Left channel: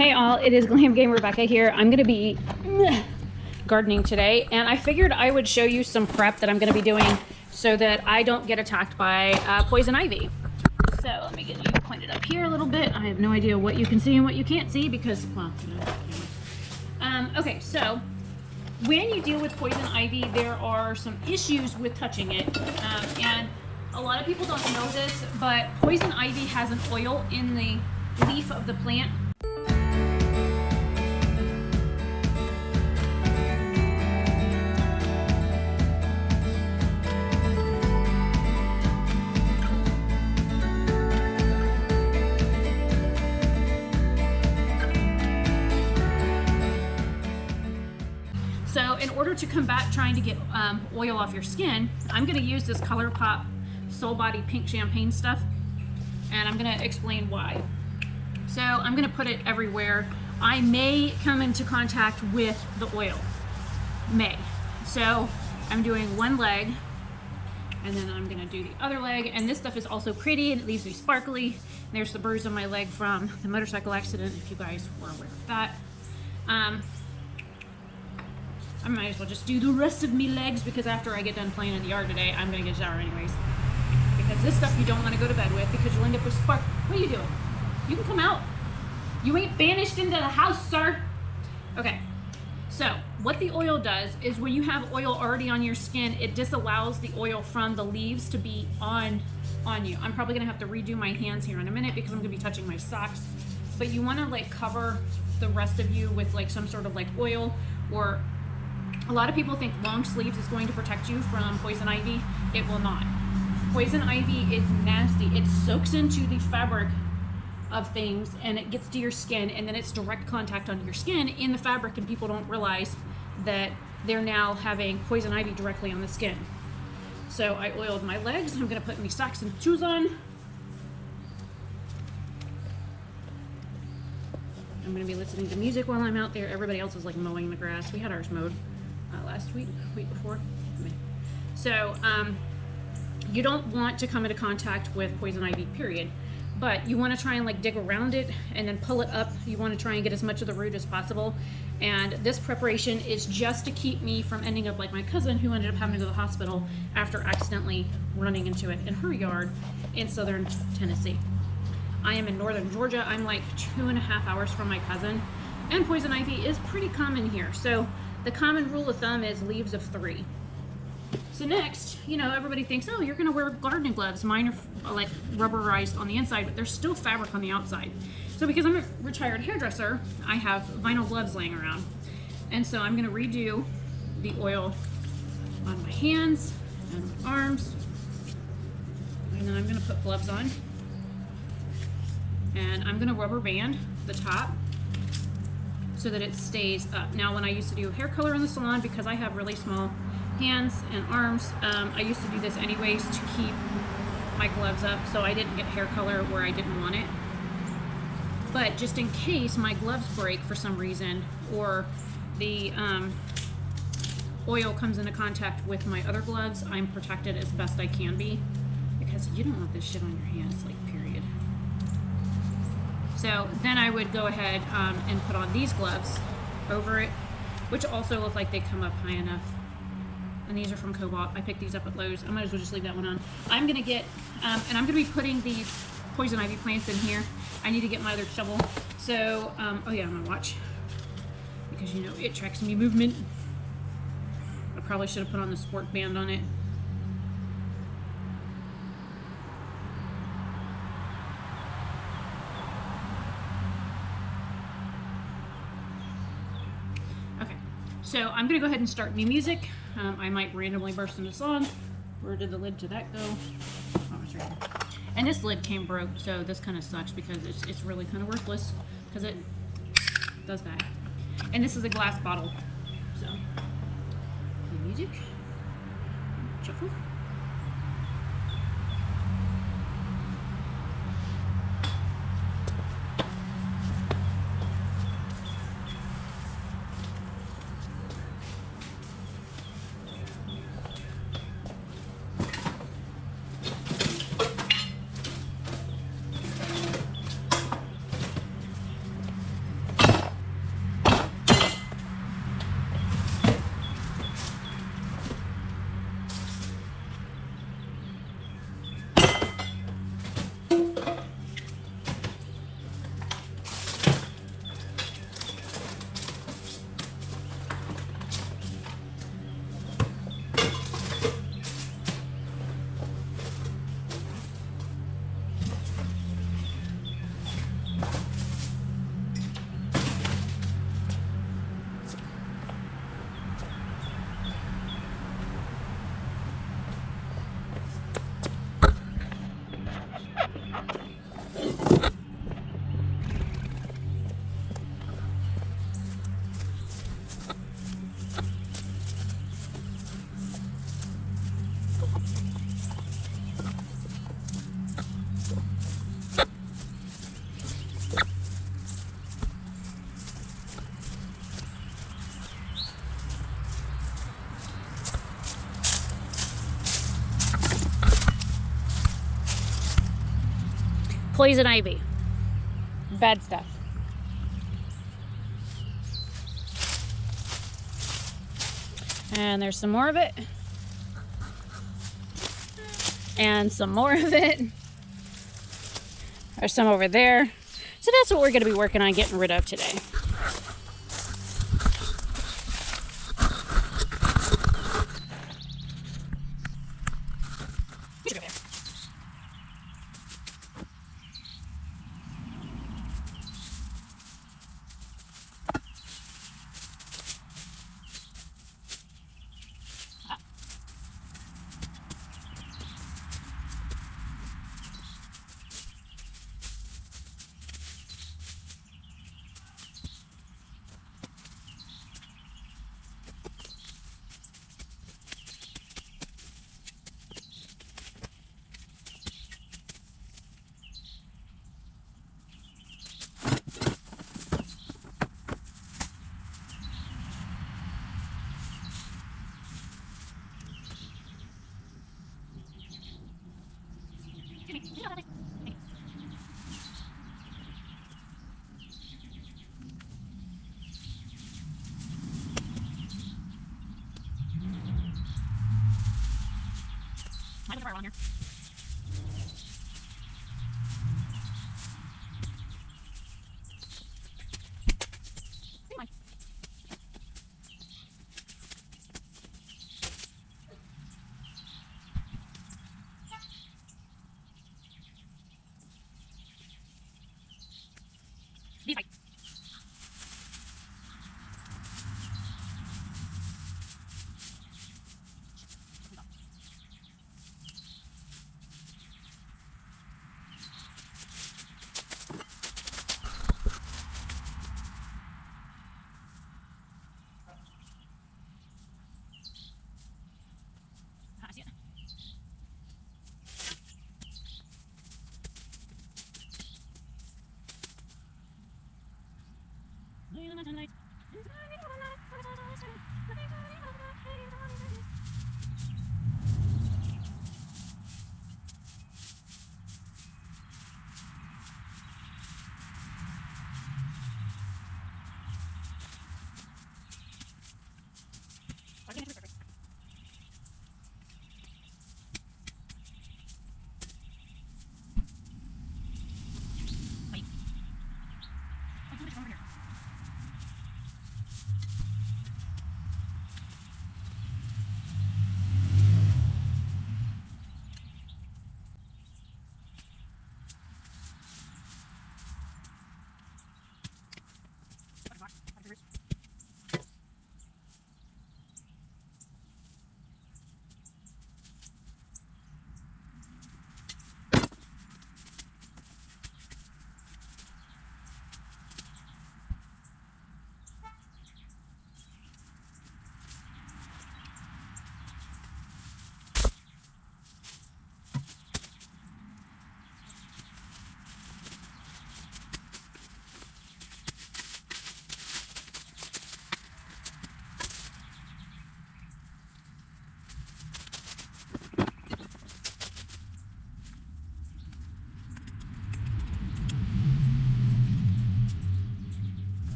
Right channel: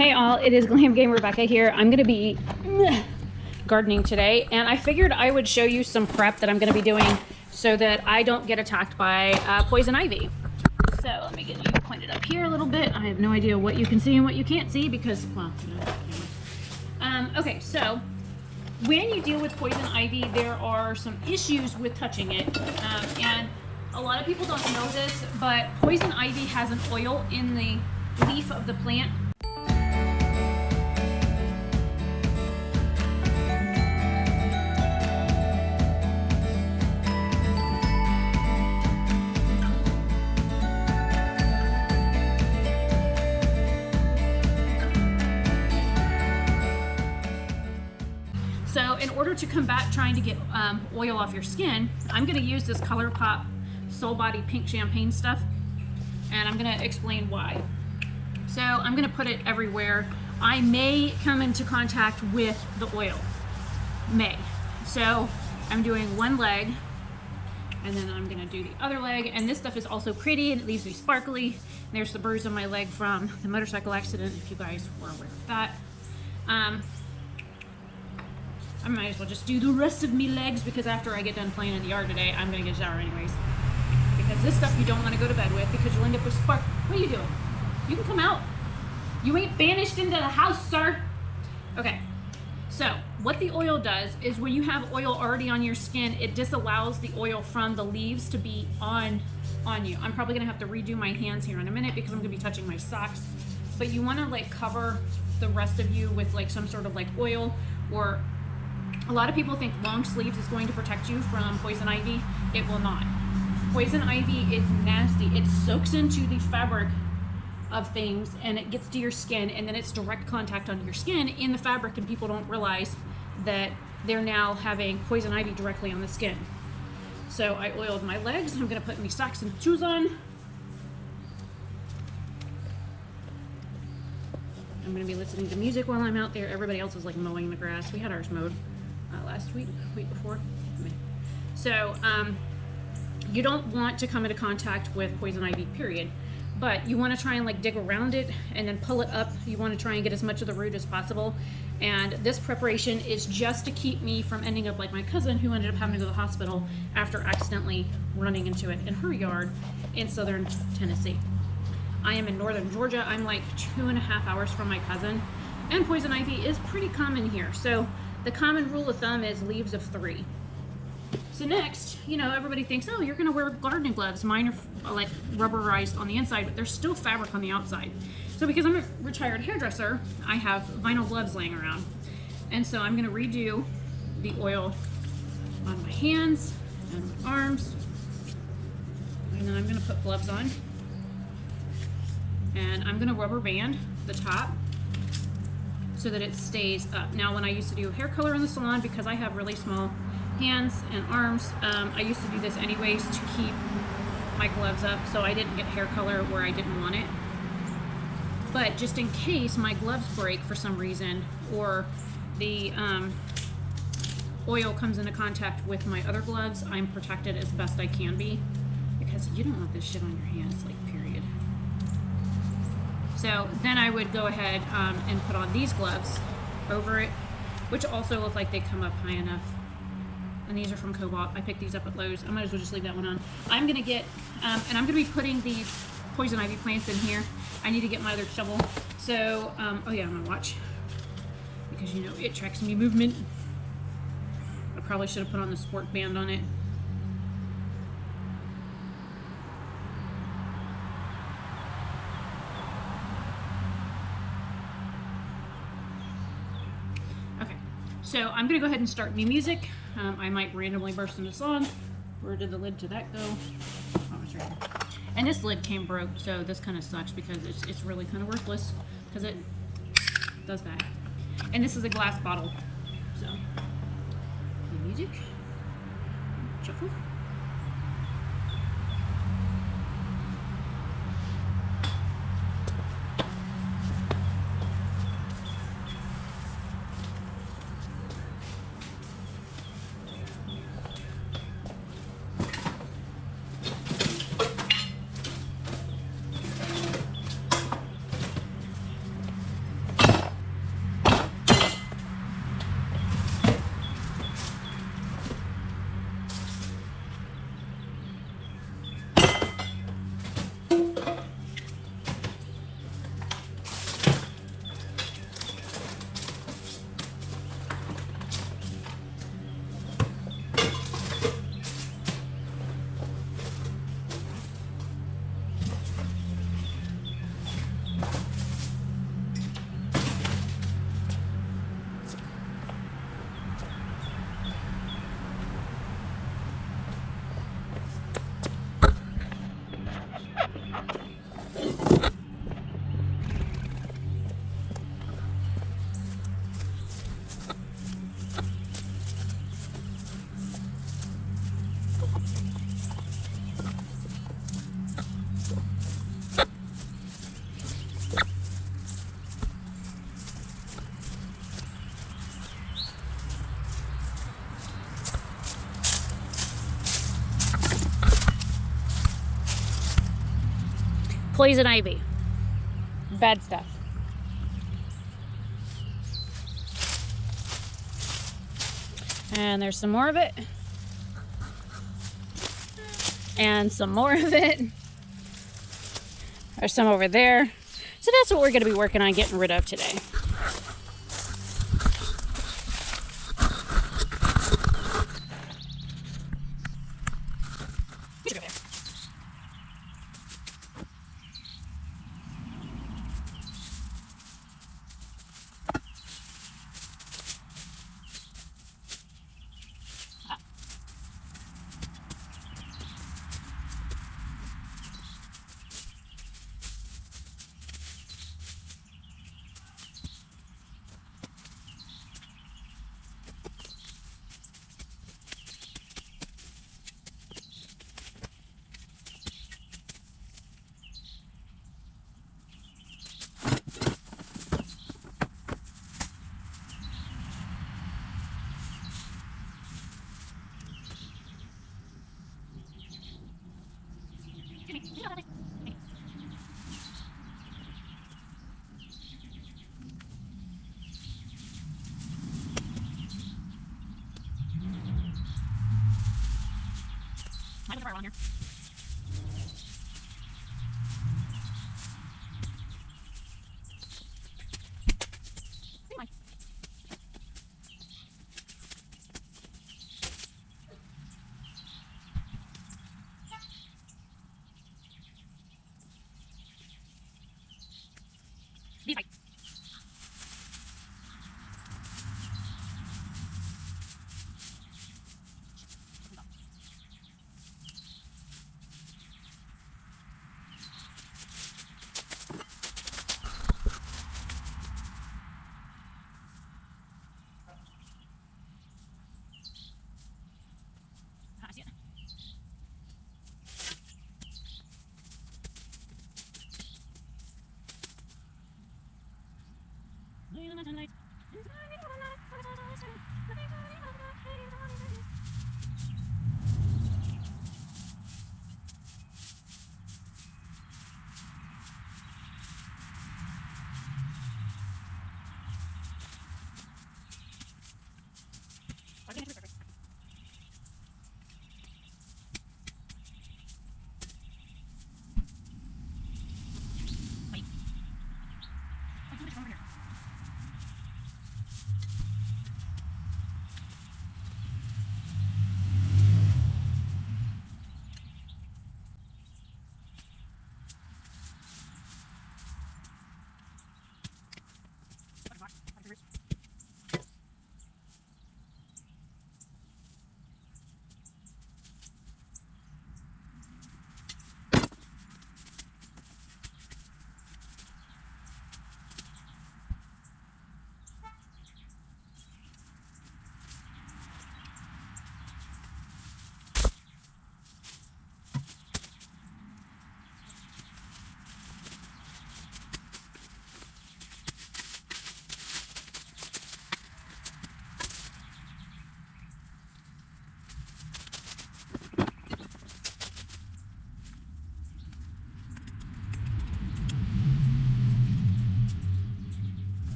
Hey all, it is Glam Game Rebecca here. I'm going to be gardening today, and I figured I would show you some prep that I'm going to be doing so that I don't get attacked by poison ivy. So let me get you pointed up here a little bit. I have no idea what you can see and what you can't see because, well, okay, so when you deal with poison ivy, there are some issues with touching it, and a lot of people don't know this, but poison ivy has an oil in the leaf of the plant. So in order to combat trying to get oil off your skin, I'm going to use this ColourPop Soul Body Pink Champagne stuff, and I'm going to explain why. So I'm going to put it everywhere. I may come into contact with the oil. May. So I'm doing one leg, and then I'm going to do the other leg, and this stuff is also pretty, and it leaves me sparkly. There's the bruise on my leg from the motorcycle accident, if you guys were with that. I might as well just do the rest of me legs because after I get done playing in the yard today, I'm going to get showered anyways. Because this stuff you don't want to go to bed with because you end up disappointed. You come out. You ain't banished into the house, sir. Okay. So, what the oil does is when you have oil already on your skin, it disallows the oil from the leaves to be on you. I'm probably going to have to redo my hands here in a minute because I'm going to be touching my socks. But you want to like cover the rest of you with like some sort of like oil, or a lot of people think long sleeves is going to protect you from poison ivy. It will not. Poison ivy is nasty. It soaks into the fabric of things and it gets to your skin, and then it's direct contact on your skin in the fabric, and people don't realize that they're now having poison ivy directly on the skin. So I oiled my legs. I'm going to put my socks and shoes on. I'm going to be listening to music while I'm out there. Everybody else is like mowing the grass. We had ours mowed last week before. Okay. So you don't want to come into contact with poison ivy, period. But you want to try and like dig around it and then pull it up. You want to try and get as much of the root as possible. And this preparation is just to keep me from ending up like my cousin, who ended up having to go to the hospital after accidentally running into it in her yard in southern Tennessee. I am in northern Georgia. I'm like 2.5 hours from my cousin, and poison ivy is pretty common here. So the common rule of thumb is leaves of 3. So next, you know, everybody thinks, oh, you're gonna wear gardening gloves. Mine are like rubberized on the inside, but there's still fabric on the outside. So because I'm a retired hairdresser, I have vinyl gloves laying around. And so I'm gonna redo the oil on my hands and arms. And then I'm gonna put gloves on. And I'm gonna rubber band the top so that it stays up. Now, when I used to do hair color in the salon, because I have really small hands and arms, I used to do this anyways to keep my gloves up so I didn't get hair color where I didn't want it. But just in case my gloves break for some reason, or the oil comes into contact with my other gloves, I'm protected as best I can be, because you don't want this shit on your hands, like, period. So then I would go ahead and put on these gloves over it, which also look like they come up high enough. And these are from Cobalt. I picked these up at Lowe's. I might as well just leave that one on. I'm going to get, and I'm going to be putting these poison ivy plants in here. I need to get my other shovel. So, oh yeah, I'm going to watch. Because, you know, it tracks me movement. I probably should have put on the sport band on it. Okay, so I'm going to go ahead and start new music. I might randomly burst through the song. Where did the lid to that go? Oh, it's right there. And this lid came broke, so this kind of sucks because it's really kind of worthless because it does that. And this is a glass bottle. So, music. Shuffle. poison ivy. Bad stuff. And there's some more of it. And some more of it. There's some over there. So that's what we're going to be working on getting rid of today.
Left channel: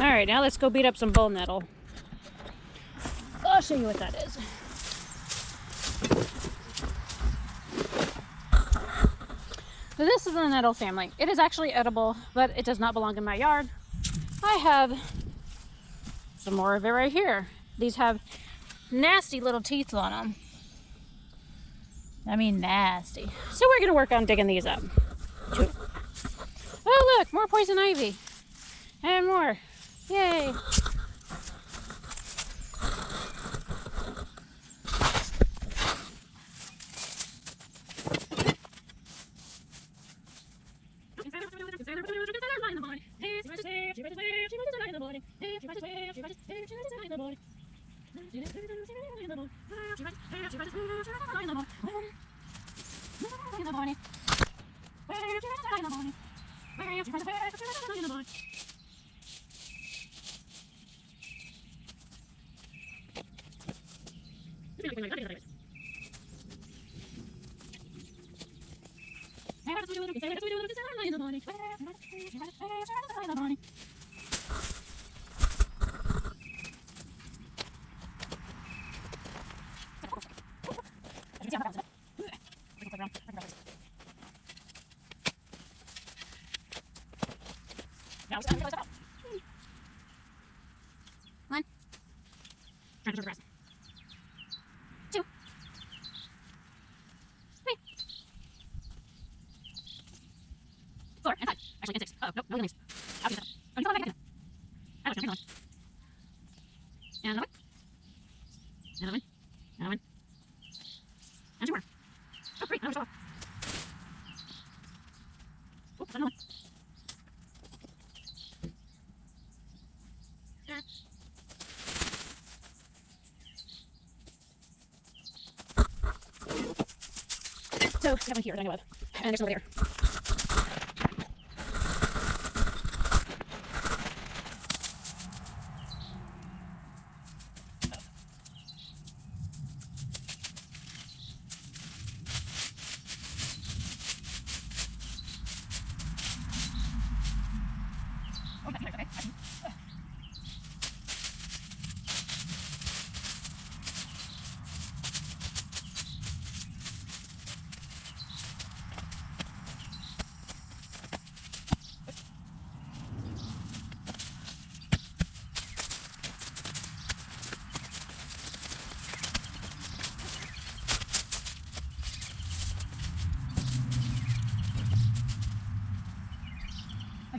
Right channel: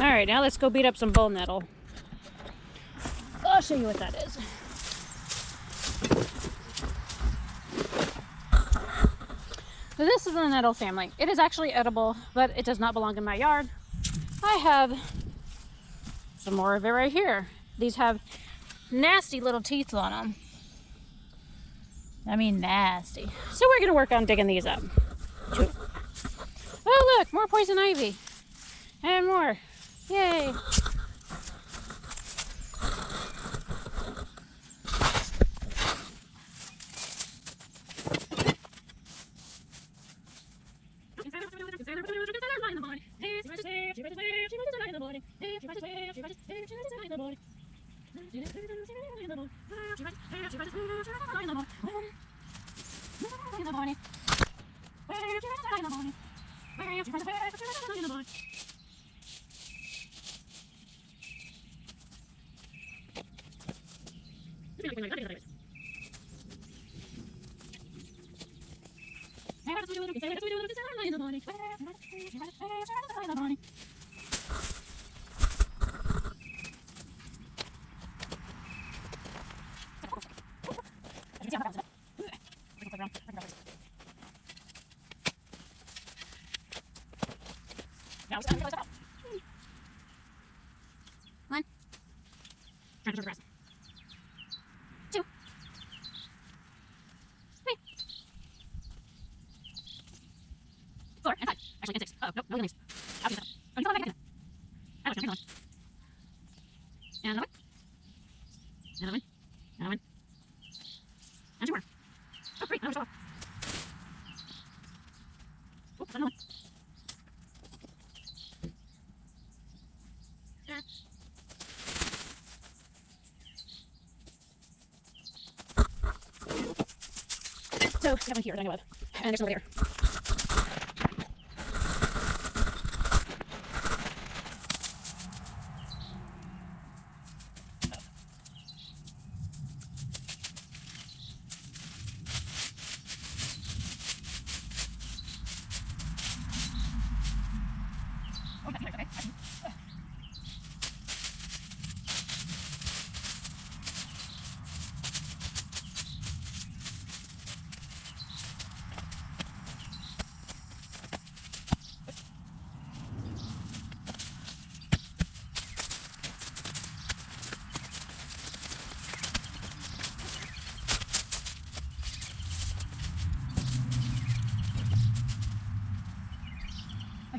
All right, now let's go beat up some bone metal. I'll show you what that is. So this is the nettle family. It is actually edible, but it does not belong in my yard. I have some more of it right here. These have nasty little teeth on them. I mean nasty. So we're gonna work on digging these up. Oh look, more poison ivy. And more. Yay. So, everyone's here, anyway. And there's nobody here.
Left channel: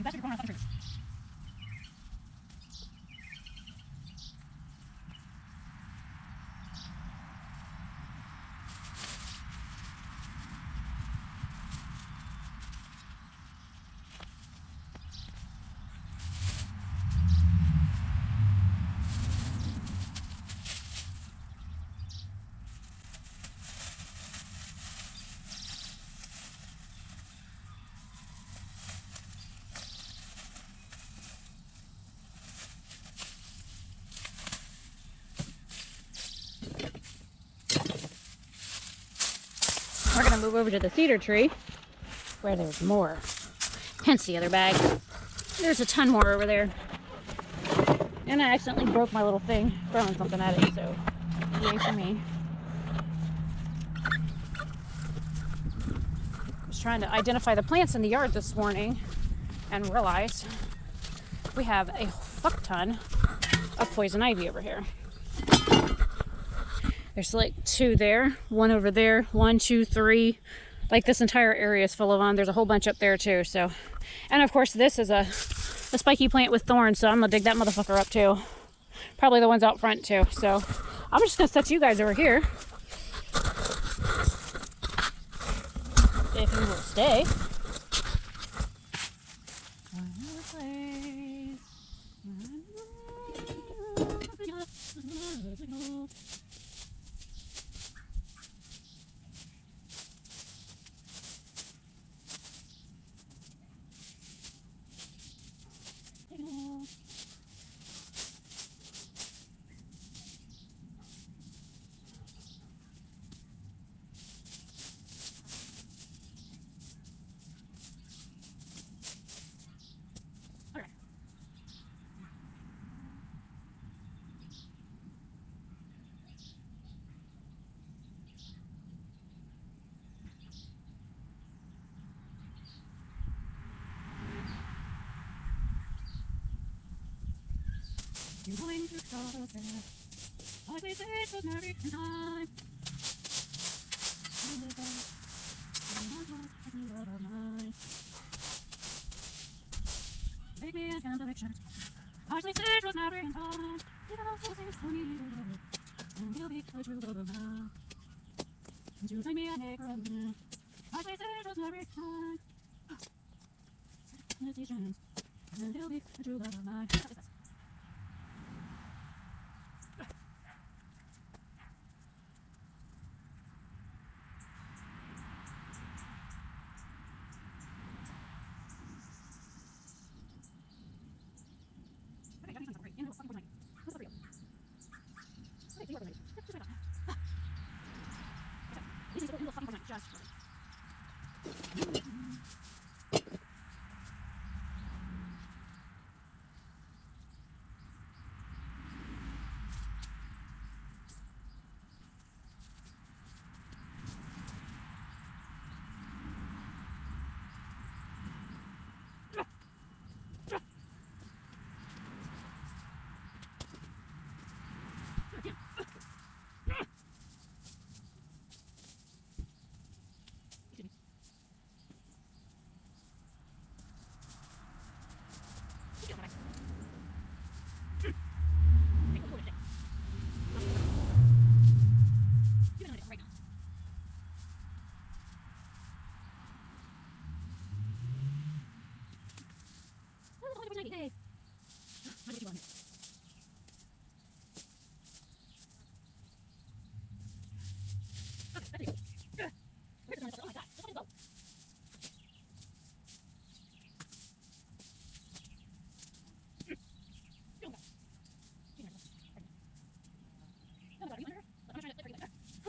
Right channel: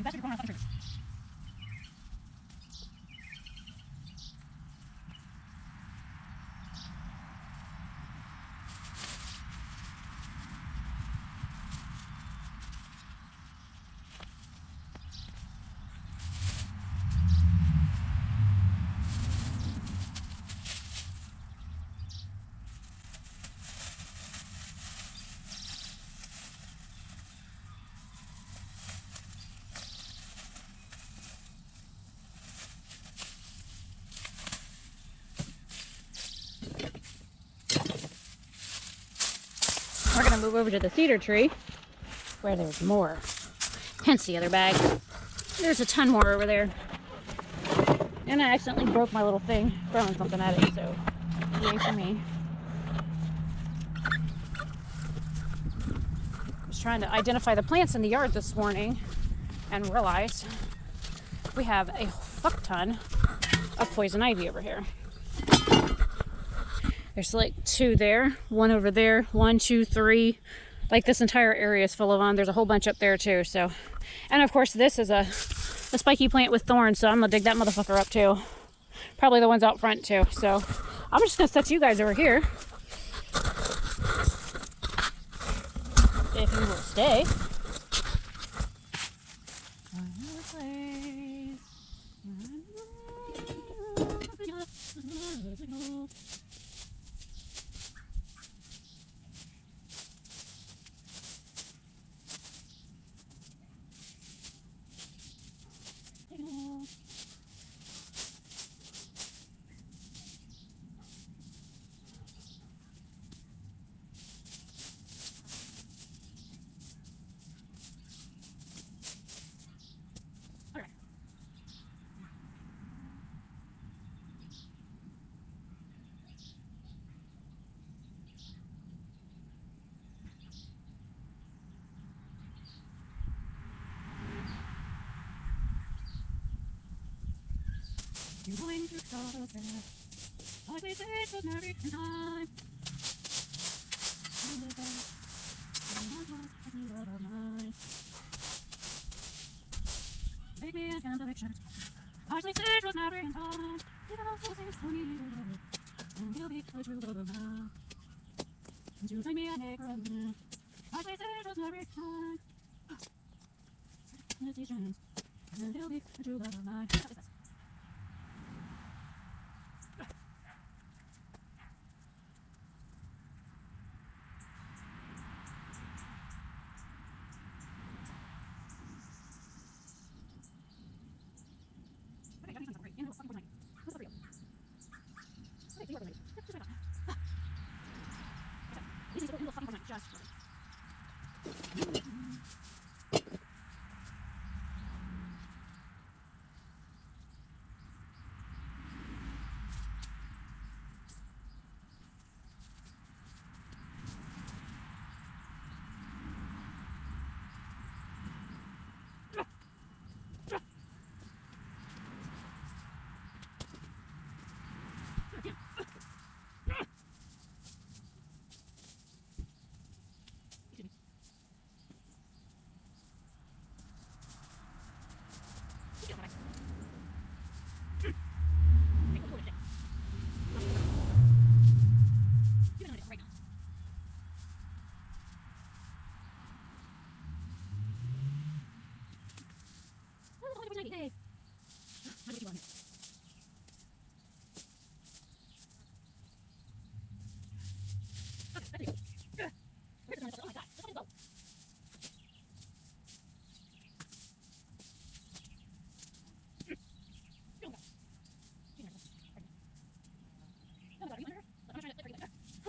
That's what we're going on trees. We're going to move over to the cedar tree where there's more. Hence the other bag. There's a ton more over there. And I accidentally moved my little thing. Oh, something else. Yay for me. I was trying to identify the plants in the yard this morning and realized we have a fuck ton of poison ivy over here. There's like 2 there, 1 over there, 1, 2, 3. Like this entire area is full of them. There's a whole bunch up there too. So, and of course this is a spiky plant with thorns. So I'm gonna dig that motherfucker up too. Probably the ones out front too. So I'm just gonna set you guys over here. If you will stay.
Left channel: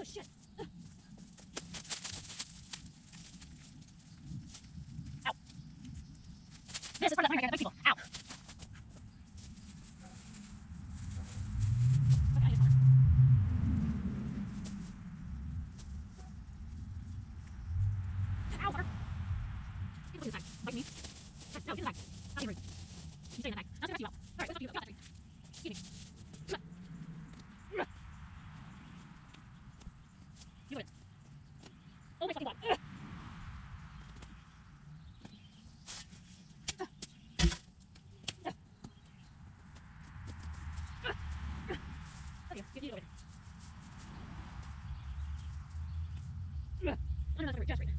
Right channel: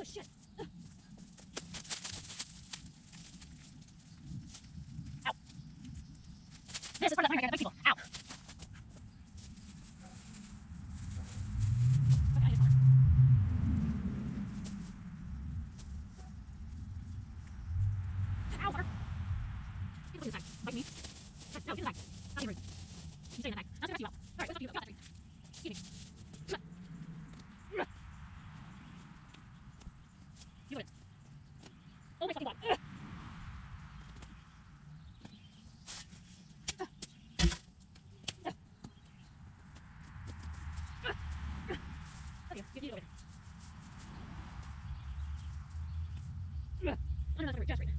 Oh shit. Ow. This is part of the fire. I gotta fix it. Ow. Ow, water. Get the back. Bite me. No, get the back. Not even. Stay in the back. Let's get the back. Alright, let's get the back. Get it. Do it. Oh my fucking god. Okay, get it over. No. I'm not going to just right now.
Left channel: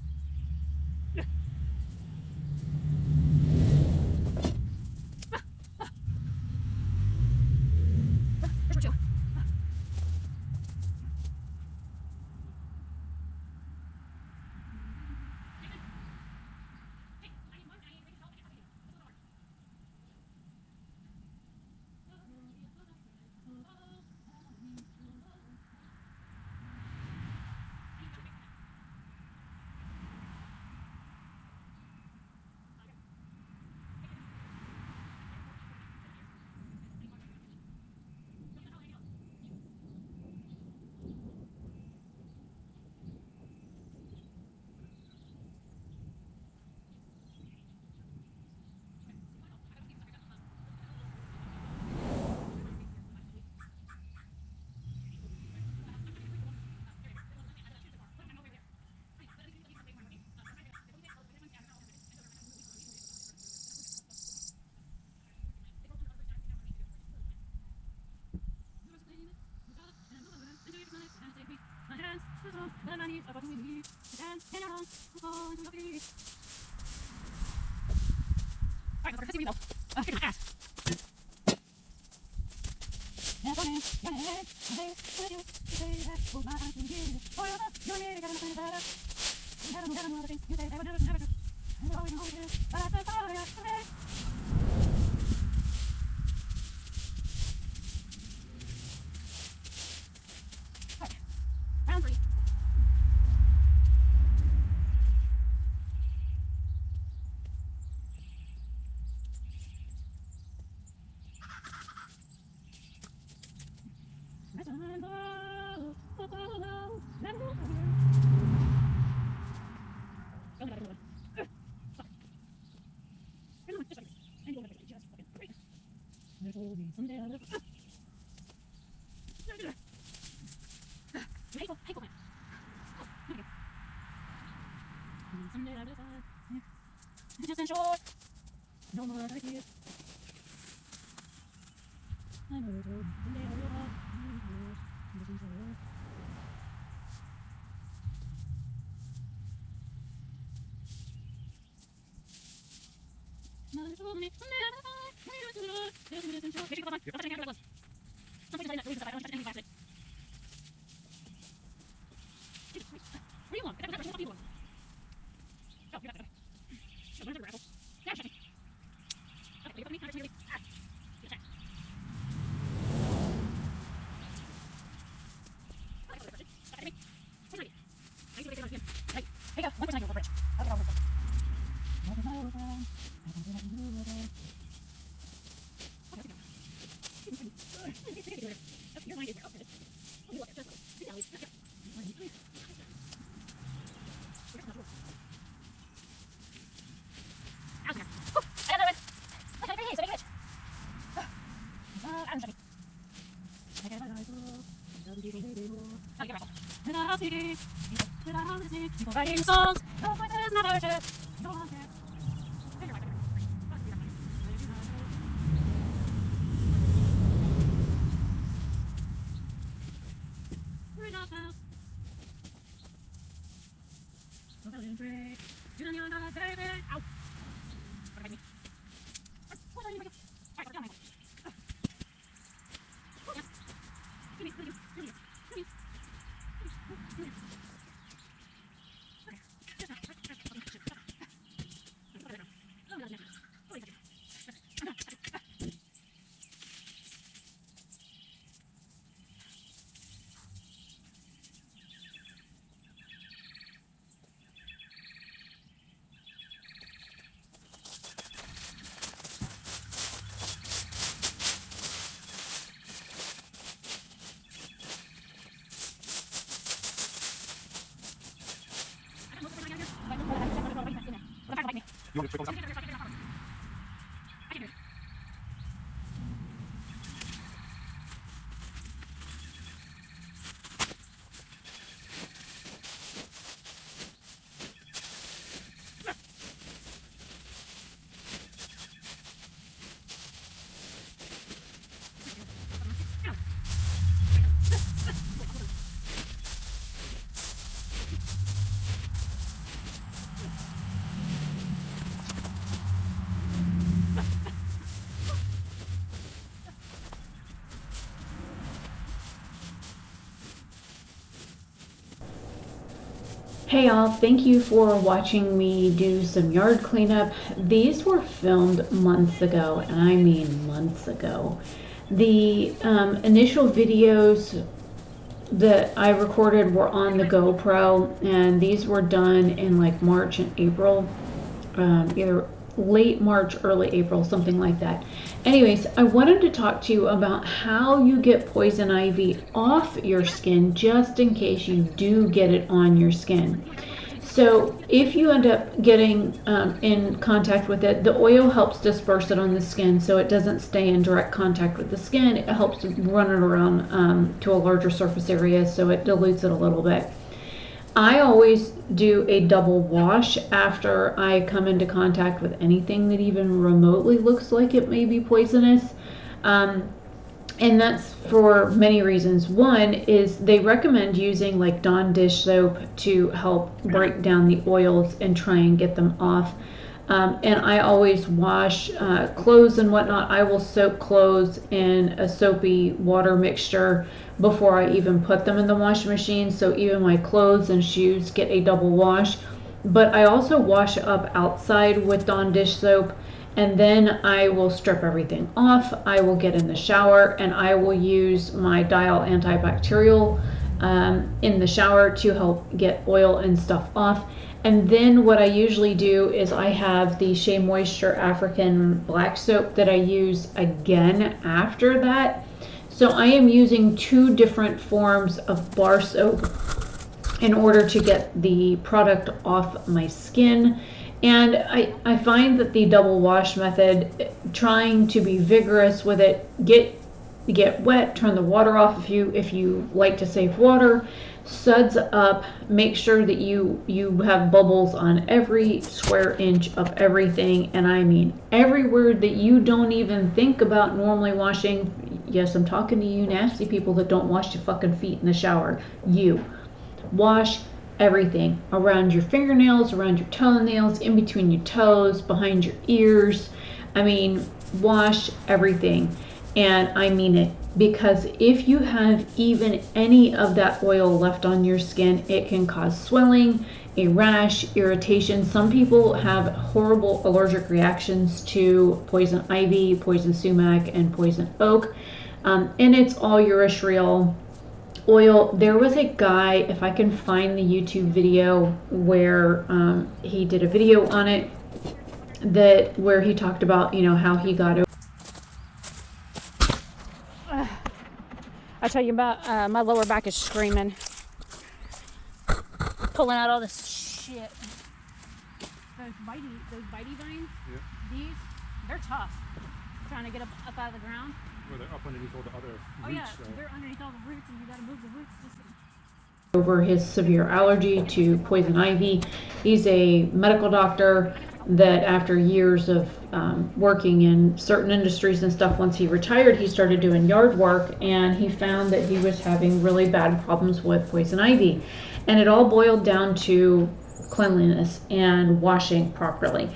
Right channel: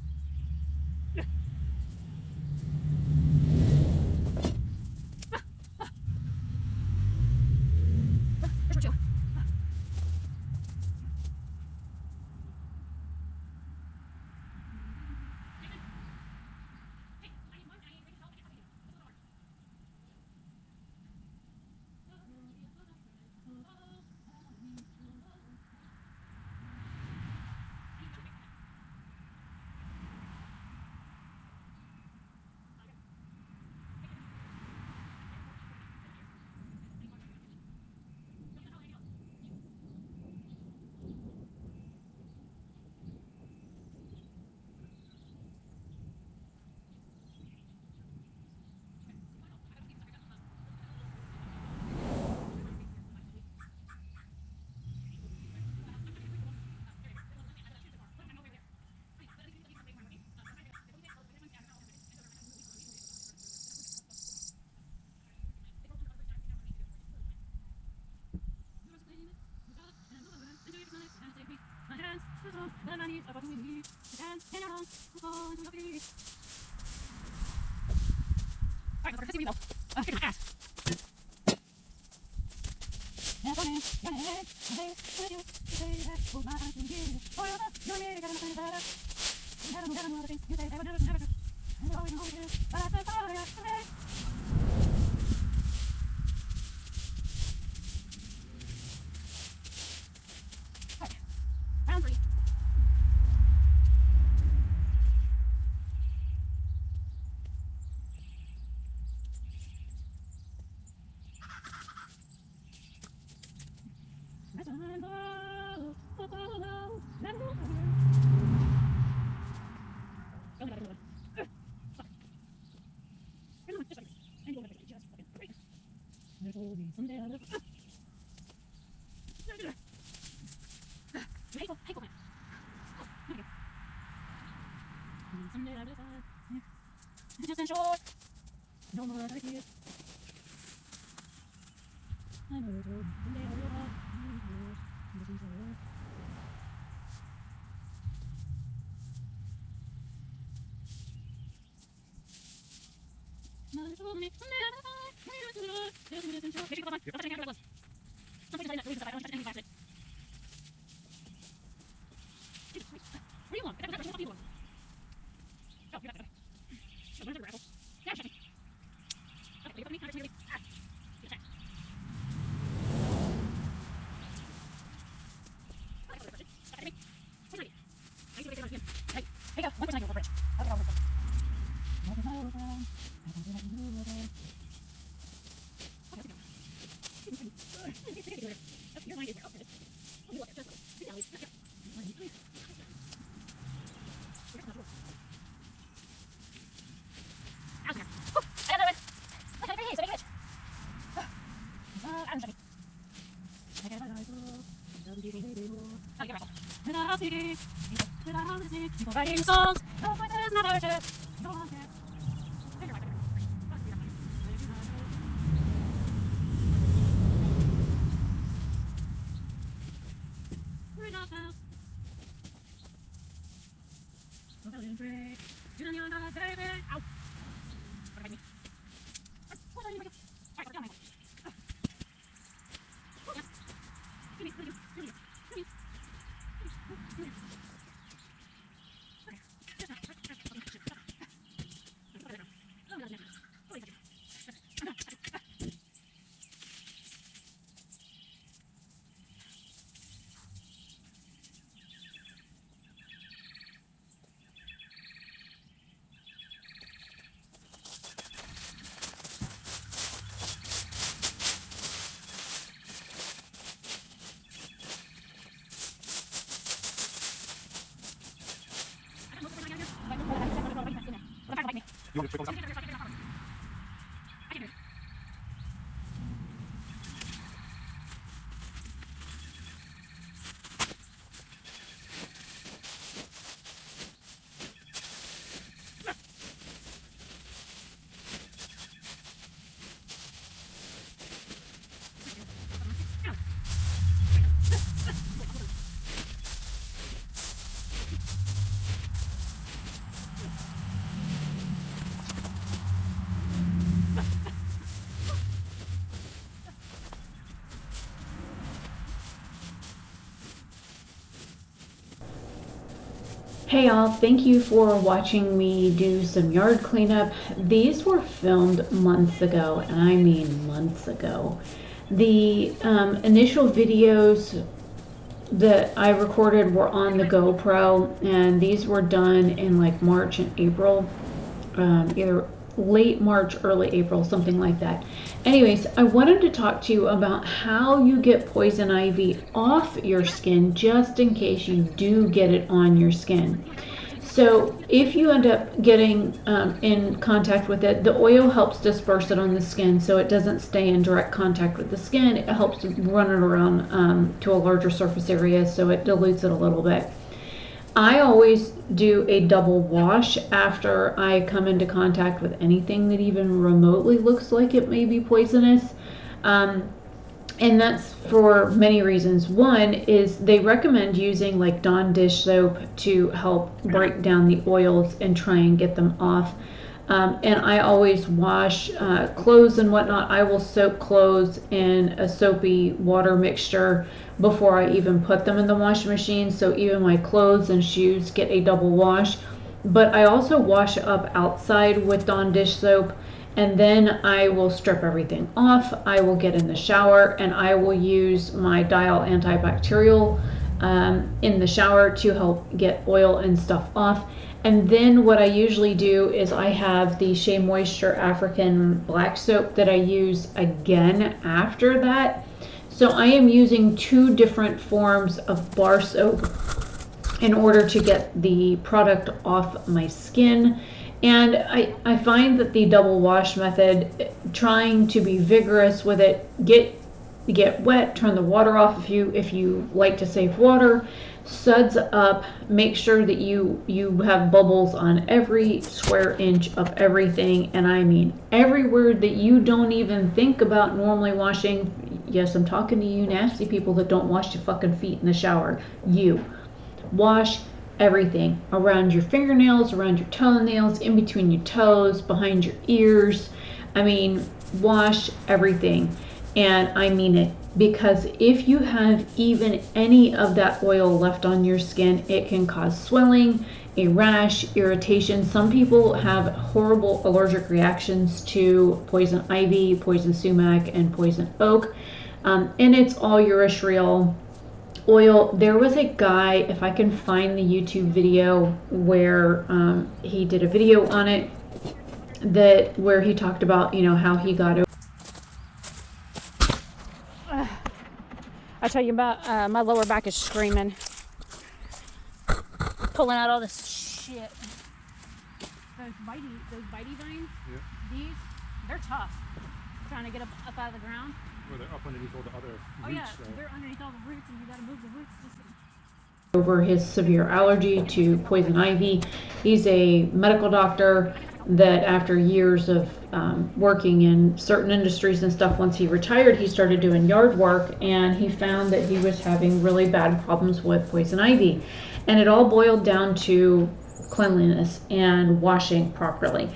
Alright, let's see me though. Get my ass. Round 3. What do you want? Becca, what do you want? Go, you got it. So, where's the raffle? Yeah, check it. Okay, wait for me. Ah, get attacked. Ow. Hey y'all, thank you for watching me do some yard cleanup. These were filmed months ago, and I mean months ago. The initial videos that I recorded were on the GoPro, and these were done in like March and April, either late March, early April, something like that. Anyways, I wanted to talk to you about how you get poison ivy off your skin, just in case you do get it on your skin. So if you end up getting in contact with it, the oil helps disperse it on the skin so it doesn't stay in direct contact with the skin. It helps run it around to a larger surface area, so it dilutes it a little bit. I always do a double wash after I come into contact with anything that even remotely looks like it may be poisonous. And that's for many reasons. One is they recommend using like Dawn dish soap to help break down the oils and try and get them off. And I always wash clothes and whatnot. I will soak clothes in a soapy water mixture before I even put them in the washing machine. So even my clothes and shoes get a double wash. But I also wash up outside with Dawn dish soap, and then I will strip everything off. I will get in the shower, and I will use my Dial antibacterial in the shower to help get oil and stuff off. And then what I usually do is I have the Shea Moisture African black soap that I use again after that. So I am using 2 different forms of bar soap in order to get the product off my skin. And I find that the double wash method, trying to be vigorous with it, get wet, turn the water off if you like to save water, suds up, make sure that you have bubbles on every square inch of everything, and I mean everywhere that you don't even think about normally washing. Yes, I'm talking to you nasty people that don't wash your fucking feet in the shower. You wash everything around your fingernails, around your toenails, in between your toes, behind your ears. I mean, wash everything. And I mean it, because if you have even any of that oil left on your skin, it can cause swelling, a rash, irritation. Some people have horrible allergic reactions to poison ivy, poison sumac, and poison oak. And it's all urushiol oil. There was a guy, if I can find the YouTube video where he did a video on it, where he talked about, how he got over. I tell you about my lower back is screaming, pulling out all this shit. Those bitey vines, these, they're tough. Trying to get up out of the ground. Oh yeah, they're underneath all the roots, and we gotta move the roots. Over his severe allergy to poison ivy. He's a medical doctor that after years of working in certain industries and stuff, once he retired, he started doing yard work, and he found that he was having really bad problems with poison ivy. And it all boiled down to cleanliness and washing properly.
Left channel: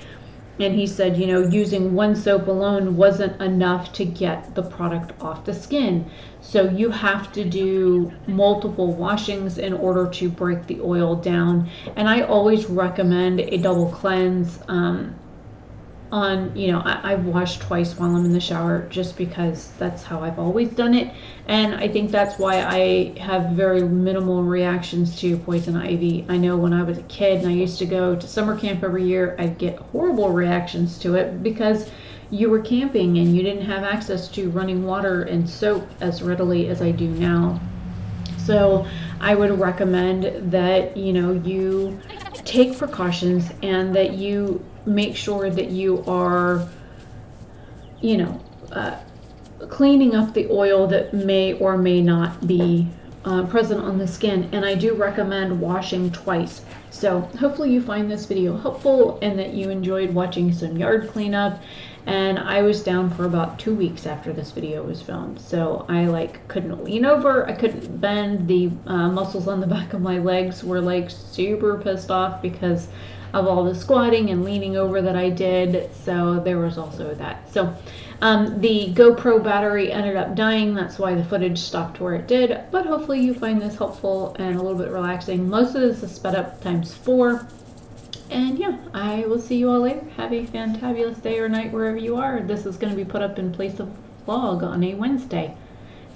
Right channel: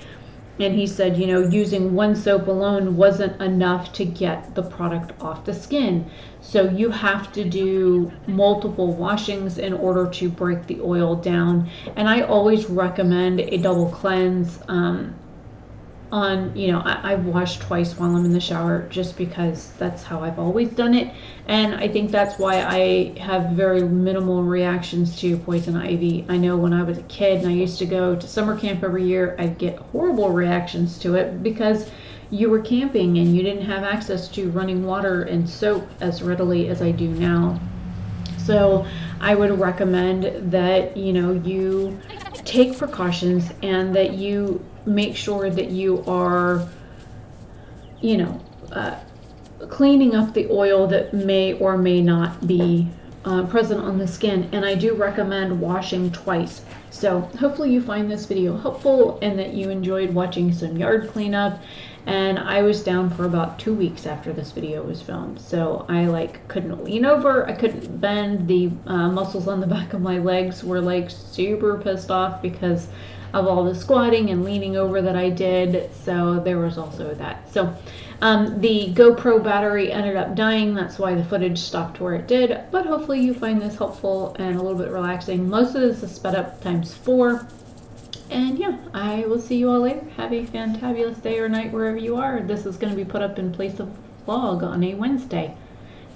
And he said, using one soap alone wasn't enough to get the product off the skin. So you have to do multiple washings in order to break the oil down. And I always recommend a double cleanse I wash twice while I'm in the shower, just because that's how I've always done it. And I think that's why I have very minimal reactions to poison ivy. I know when I was a kid and I used to go to summer camp every year, I'd get horrible reactions to it because you were camping and you didn't have access to running water and soap as readily as I do now. So I would recommend that, you take precautions and that you make sure that you are, you know, cleaning up the oil that may or may not be present on the skin. And I do recommend washing twice. So hopefully you find this video helpful and that you enjoyed watching some yard cleanup. And I was down for about 2 weeks after this video was filmed. So I like couldn't lean over, I couldn't bend, the muscles on the back of my legs were like super pissed off because of all the squatting and leaning over that I did. So there was also that. So the GoPro battery ended up dying. That's why the footage stopped where it did. But hopefully you find this helpful and a little bit relaxing. Most of this is sped up ×4. And yeah, I will see you all later. Have a fantabulous day or night wherever you are. This is going to be put up in place of vlog on a Wednesday.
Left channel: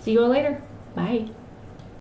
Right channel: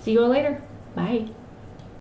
See you all later. Bye.